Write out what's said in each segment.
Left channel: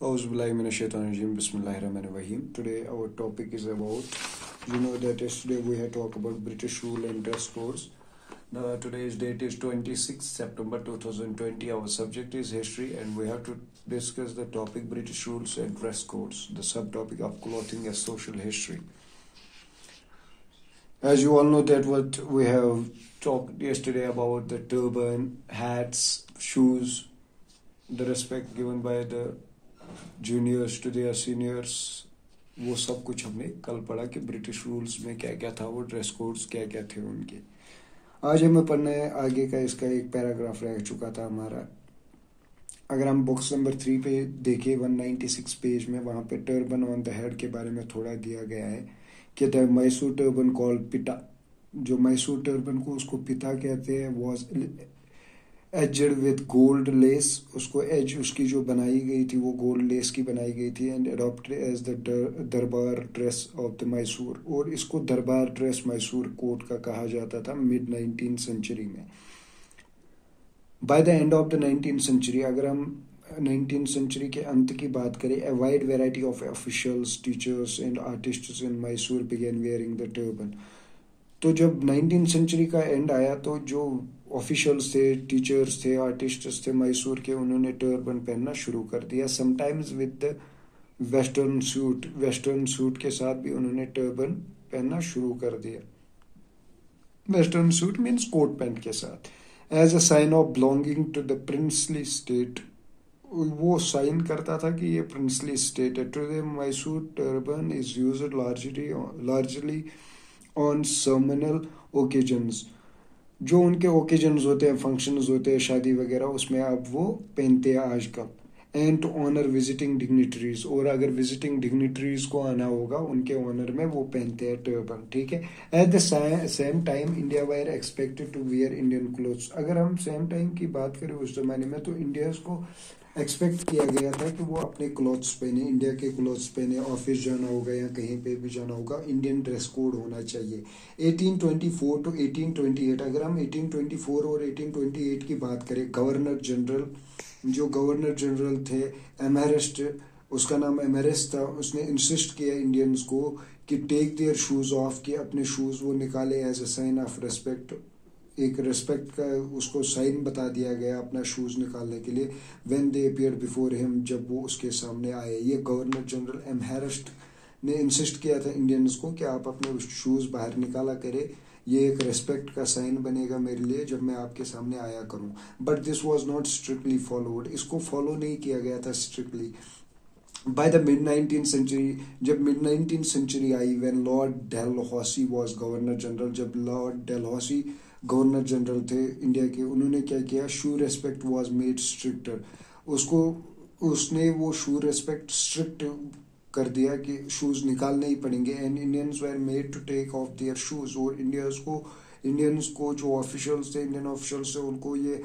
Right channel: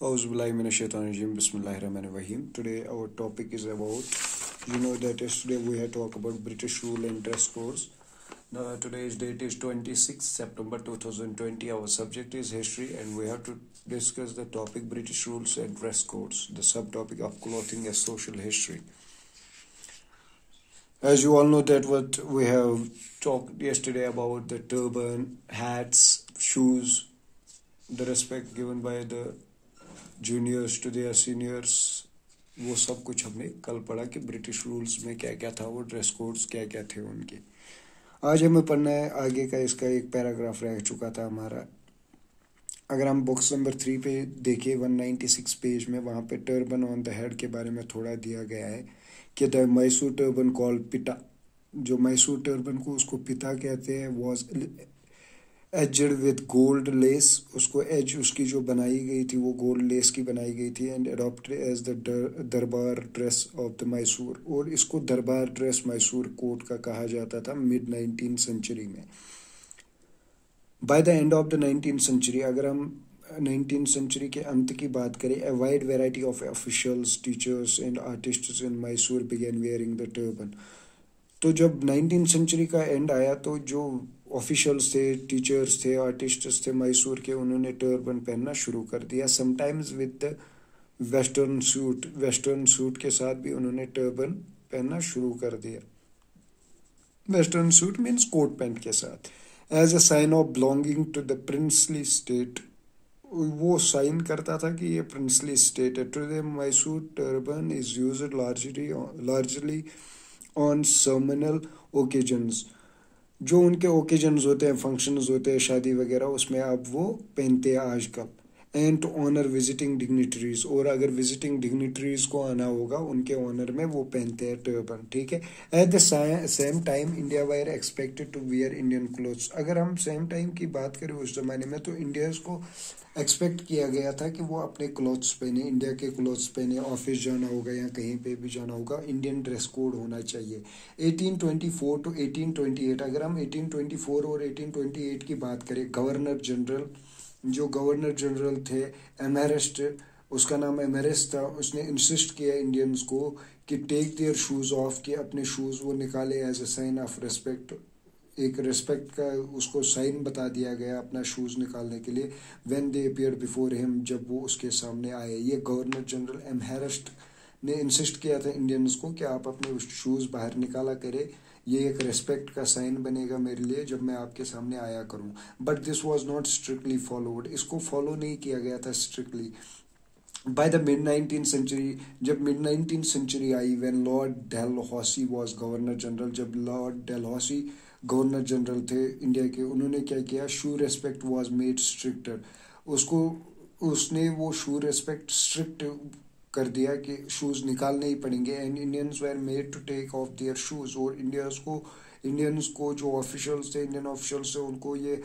Auzubillahiminash-shaytanir-rajim. Bismillahir-rahmanir-rahim. Today our topic is about, that yesterday we had talked about British rule and dress codes. Today's date is 26 September 2020. Our subject is history and we have to discuss the topic British rules and dress codes, the subtopic of clothing as social history. As you all know that what we have talked yesterday about the turban, hats, shoes, the respect given by the juniors to their seniors, वो सब कुछ हमने कल पढ़ा कि British rules में क्या क्या था, वो ड्रेस कोड्स क्या क्या थे उनके। आज हमें पढ़ना है आगे का, इसका एक पैराग्राफ रह चुका था हमारा। अगर हम बुक्स नंबर 3 पे देखें 196 पेज में, वहाँ पे टर्बन ऑन द हेड के बारे में थोड़ा दिया गया है कि द मैसूर टर्बन कॉल्ड पिटा, जो मैसूर टर्बन को उसको पिता कहते हैं, was aged with gold less, उसको एज उसकी जो बनाई गई थी वो गोल्ड लेस की बनाई गई थी, एंड अडॉप्टेड एज द दरबार ड्रेस ऑफ द मैसूर, और इसको दरबार ड्रेस मैसूर कोट का कहा जाता था मिड 19th सेंचुरी में। By the end of the 19th century, अगर हम 19th सेंचुरी के अंत की बात करें, a wide variety of officials, teachers and artists in Mysore began wearing the turban. तो जब 19th सेंचुरी का एंड आया तो जो ऑफिशियल्स थे, टीचर्स थे, आर्टिस्ट्स थे मैसूर के, उन्होंने टर्बन पहनना शुरू कर दिया। Sometimes with the western suit के साथ भी उन्होंने टर्बन पहनना शुरू कर दिया। Western suit means coat pant के साथ। As a sign of belonging to the princely state, वो साइन करता था कि ये प्रिंसली स्टेट है। Today Mysore turban is used largely on ceremonial occasions, जो उनके ओकेजन्स होते हैं, फंक्शंस होते हैं, शादी वगैरह, उसमें आप वो पहनते हैं आजकल। And to honour visiting dignitaries, और अगर विजिटिंग डिग्निटरीज को आना होगा उनके ऑनर में वो पहनते हैं टर्बन, ठीक है। At the same time India were expected to wear Indian clothes, अगर हम सेम टाइम की बात करें उस जमाने में, तो इंडियंस को एक्सपेक्ट किया गया था कि वो अपने क्लॉथ्स पहने, इंडिया के क्लॉथ्स पहने, ऑफिस जाना होगा या कहीं पे भी जाना होगा, इंडियन ड्रेस कोड होना चाहिए। 1824 to 1828, अगर हम 1824 और 1828 की बात करें, गवर्नर जनरल, जो गवर्नर जनरल थे एमहेरिस्ट, उसका नाम एमहेरिस्ट था, उसने इंसिस्ट किया इंडियंस को कि टेक देयर शूज ऑफ, कि अपने शूज वो निकाले as a sign of respect, एक रेस्पेक्ट का उसको साइन बता दिया गया अपना शूज निकालने के लिए। When they appear before him, जब वो उसके सामने आए। ये गवर्नर जनरल एमहेरिस्ट ने इंसिस्ट किया था इंडियंस को कि आप अपने शूज बाहर निकाला करें, ये एक रेस्पेक्ट का साइन बनेगा मेरे लिए जब मैं आपके सामने आया करूं। But this was not strictly followed, इसको फॉलो नहीं किया गया था strictly. By the mid 19th century, जब मिड 19th सेंचुरी आई, when Lord Dalhousie was governor general, जब लॉर्ड डेलहौसी गवर्नर जनरल थे इंडिया के, उन्होंने क्या किया, shoe respect was made stricter, उसने वो शू रेस्पेक्ट स्ट्रिक्ट कर दिया कि शूज निकालने ही पड़ेंगे। And Indians were made to take off their shoes, और इंडियंस को जो ऑफिशियल्स थे, इंडियन ऑफिशियल्स थे, उनको ये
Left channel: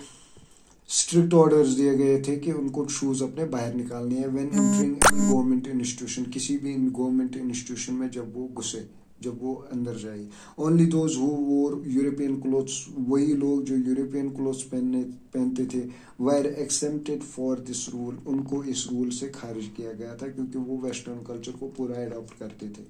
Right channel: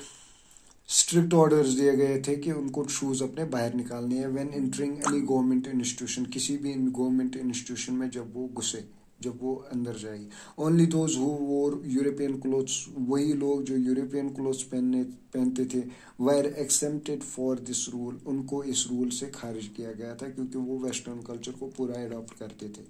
स्ट्रिक्ट ऑर्डर्स दिए गए थे कि उनको शूज अपने बाहर निकालने हैं। When entering any government institution, किसी भी गवर्नमेंट इंस्टीट्यूशन में जब वो घुसे, जब वो अंदर जाए। ओनली दोज हु वोर यूरोपियन क्लोथ्स, वही लोग जो यूरोपियन क्लोथ्स पहनते थे, वर एक्सेप्टेड फॉर दिस रूल, उनको इस रूल से खारिज किया गया था क्योंकि वो वेस्टर्न कल्चर को पूरा एडॉप्ट करते थे।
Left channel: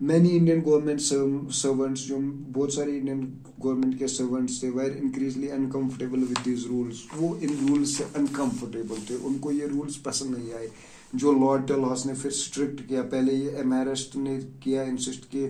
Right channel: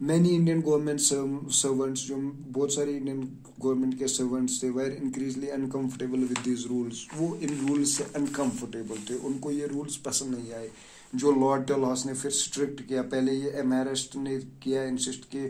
मैनी इंडियन गवर्नमेंट सर्वेंट्स, जो बहुत सारे इंडियन गवर्नमेंट के सर्वेंट्स थे, वर increasingly uncomfortable with this rules, वो इन रूल्स से अनकंफर्टेबल थे, उनको ये रूल्स पसंद नहीं आए। जो लॉर्ड डेलहौसी ने फिर स्ट्रिक्ट किया, पहले ये एमहेरिस्ट ने किया इंसिस्ट कि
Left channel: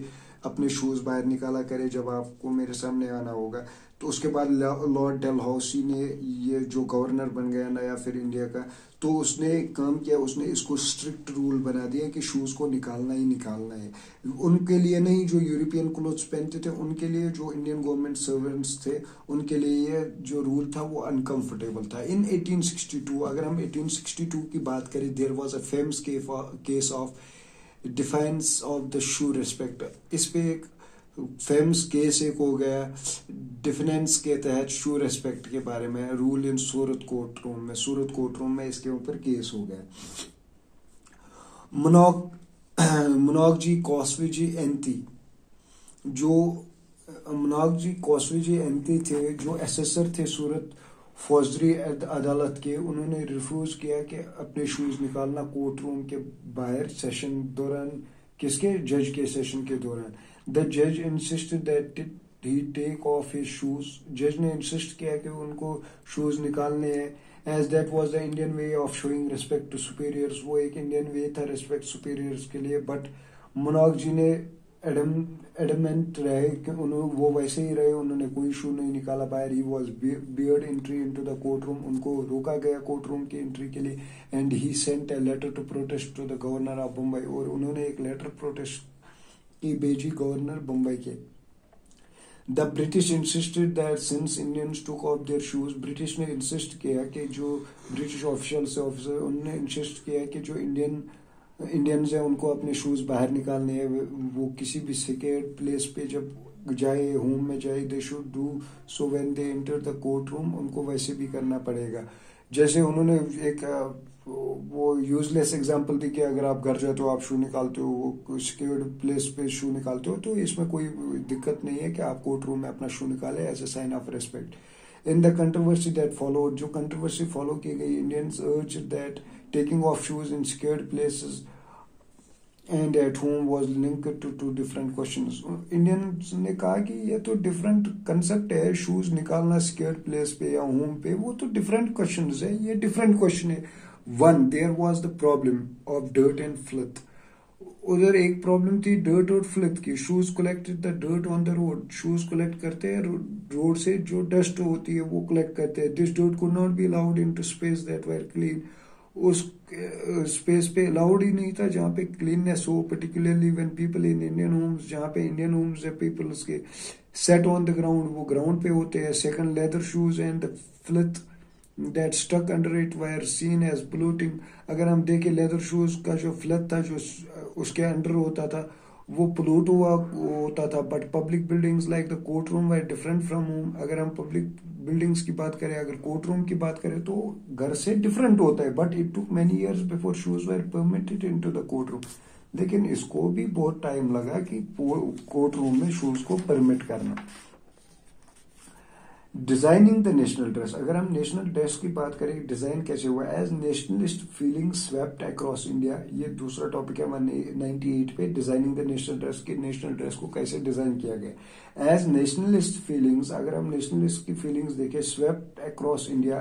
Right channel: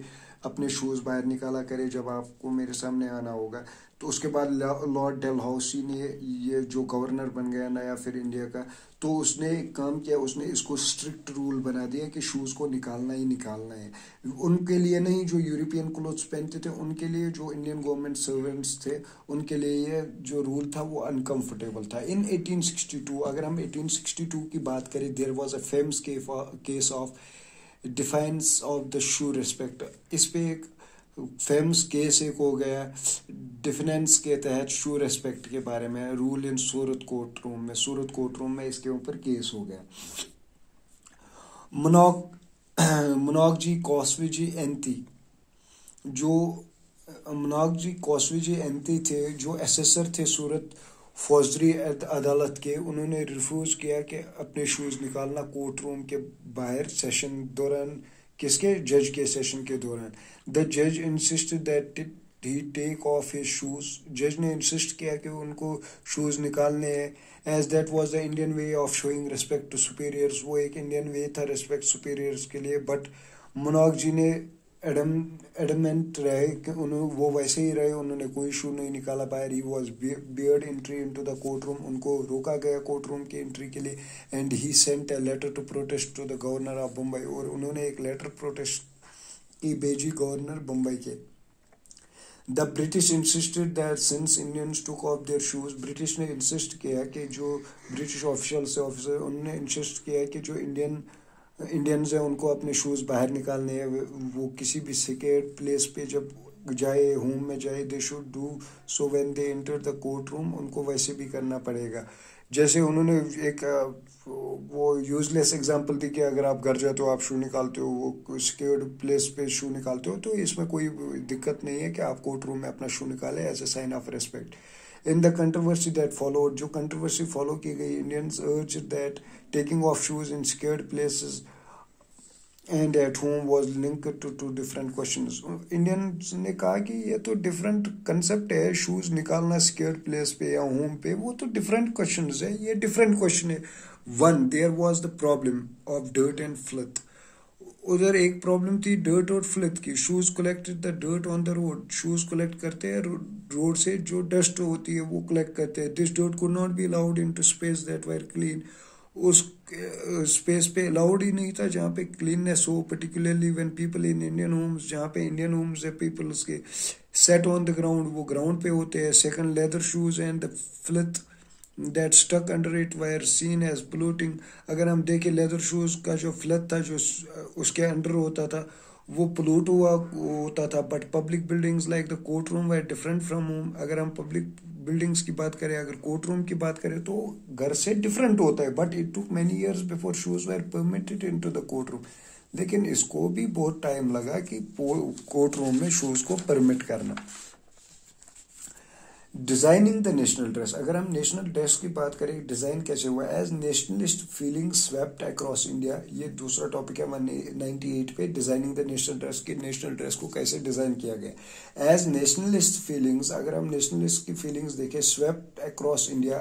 अपने शूज बाहर निकाला करे जब आपको मेरे सामने आना होगा, तो उसके बाद लॉर्ड डेलहौसी ने, ये जो गवर्नर बन गया नया फिर इंडिया का, तो उसने काम किया, उसने इसको स्ट्रिक्ट रूल बना दिया कि शूज को निकालना ही निकालना है। उनके लिए नहीं जो यूरोपियन क्लोथ्स पहनते थे, उनके लिए जो इंडियन गवर्नमेंट सर्वेंट्स थे, उनके लिए ये जो रूल था वो अनकंफर्टेबल था। इन 1862, अगर हम 1862 की बात करें, there was a famous case of defence of the shoe respect. इस पे एक फेमस केस एक हो गया डिफेंस के तहत शू रेस्पेक्ट के बारे में, rule in Surat court room में इसके ऊपर केस हो गया। मुनोगजी कॉस्विजी एंती, जो मुनोगजी कॉस्विजी एंती थे, जो एसेसर थे सूरत फौजदारी अदालत के, उन्होंने रिफ्यूज किया कि अपने शूज निकालना कोर्ट रूम के बाहर सेशन दौरान, किसके, जज के सेशन के दौरान। द जज insisted that he take off his shoes, जज ने इंसिस्ट किया कि उनको शूज निकालने हैं, as that was the Indian way of showing respect to superiors, वो एक इंडियन वे था रिस्पेक्ट सुपीरियर्स के लिए। बट मोनार्क जी ने एडमेंट रहे कि वो वैसे ही रहे, उन्होंने कोई शू नहीं निकाला बाहर। He was barred entry into the court room, उनको रोका गया कोर्ट रूम की एंट्री के लिए। And he sent a letter to protest to the governor of Mumbai, और उन्होंने एक लेटर प्रोटेस्ट की भेजी गवर्नर मुंबई के। The British insisted that since Indians took off their shoes, British ने इंसिस्ट किया कि जो ब्रिटिश ऑफिशियल्स ऑफिसर, उन्होंने इंसिस्ट किया कि जो इंडियंस है उनको अपने शूज बाहर निकालने हैं। वो किसी भी सिक्योर्ड प्लेस पे जब जाए, होम में जाए, they should do so when they enter the court room, उनको वैसे भी करना पड़ेगा। जैसे उन्होंने एक वो यूजलेस एग्जांपल दी कि अगर आप घर जाते हो, आप शू निकालते हो, वो सिक्योर्ड प्लेस पे शू निकालते हो, तो इसमें कोई दिक्कत नहीं है कि आप कोर्ट रूम में अपना शू निकालें as a sign of respect. In the controversy that followed, जो कंट्रोवर्सी फॉलो की गई, Indians urged that taking off shoes in secured places and at home was linked to two different questions. Indians ने कहा कि ये तो different concept है, shoes निकालना सिक्योर्ड प्लेस पे या होम पे, वो तो डिफरेंट क्वेश्चंस है, ये डिफरेंट क्वेश्चन है। One, there was the problem of dirt and filth, उधर एक प्रॉब्लम थी डर्ट और फ्लिथ की। Shoes collected the dirt on the road, shoes collect करते हैं रोड से जो डस्ट होती है वो कलेक्ट करते हैं। This dirt could not be allowed into space that were clean, उस स्पेस पे अलाउड ही नहीं था जहाँ पे क्लीननेस हो, particularly when people in Indian homes, जहाँ पे इंडियन होम्स है पीपल्स के, सेट ऑन द ग्राउंड, वो ग्राउंड पे होते हैं। Second, leather shoes and the filth that stuck under it were seen as polluting। अगर हम देखें लेदर शूज का जो फ्लथ था, जो उसके अंडर होता था, वो पोल्यूट हुआ होता था। But public buildings like the court room were different from home, अगर हम पब्लिक बिल्डिंग्स की बात करें, अगर कोर्ट रूम की बात करें, तो घर से डिफरेंट होता है। But it took many years before shoes were permitted into the court room, लेकिन इसको भी बहुत टाइम लगा कि कोर्ट रूम में शूज को परमिट करना। डिजाइनिंग द नेशनल ड्रेस, अगर हम नेशनल ड्रेस की बात करें, डिजाइन कैसे हुआ, as nationalist feeling swept across India, ये दूसरा टॉपिक है हमारे 98 पे, डिजाइनिंग द नेशनल ड्रेस की, नेशनल ड्रेस को कैसे डिजाइन किया गया। एज नेशनलिस्ट फीलिंग्स, अगर हम नेशनलिस्ट की फीलिंग्स देखें, स्वेप्ट अक्रॉस इंडिया,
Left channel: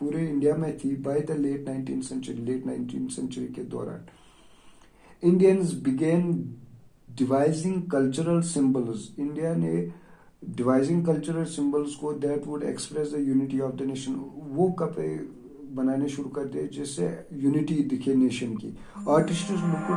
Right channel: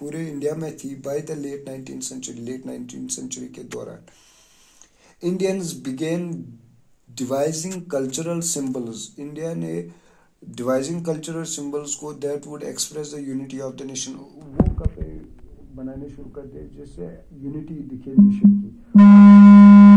पूरे इंडिया में थी by the late 19th century के दौरान। Indians began devising cultural symbols, India ने डिवाइजिंग कल्चरल सिंबल्स को that would express the unity of the nation, वो कपड़े बनाने शुरू कर दिए जिससे यूनिटी दिखे नेशन की। आर्टिस्ट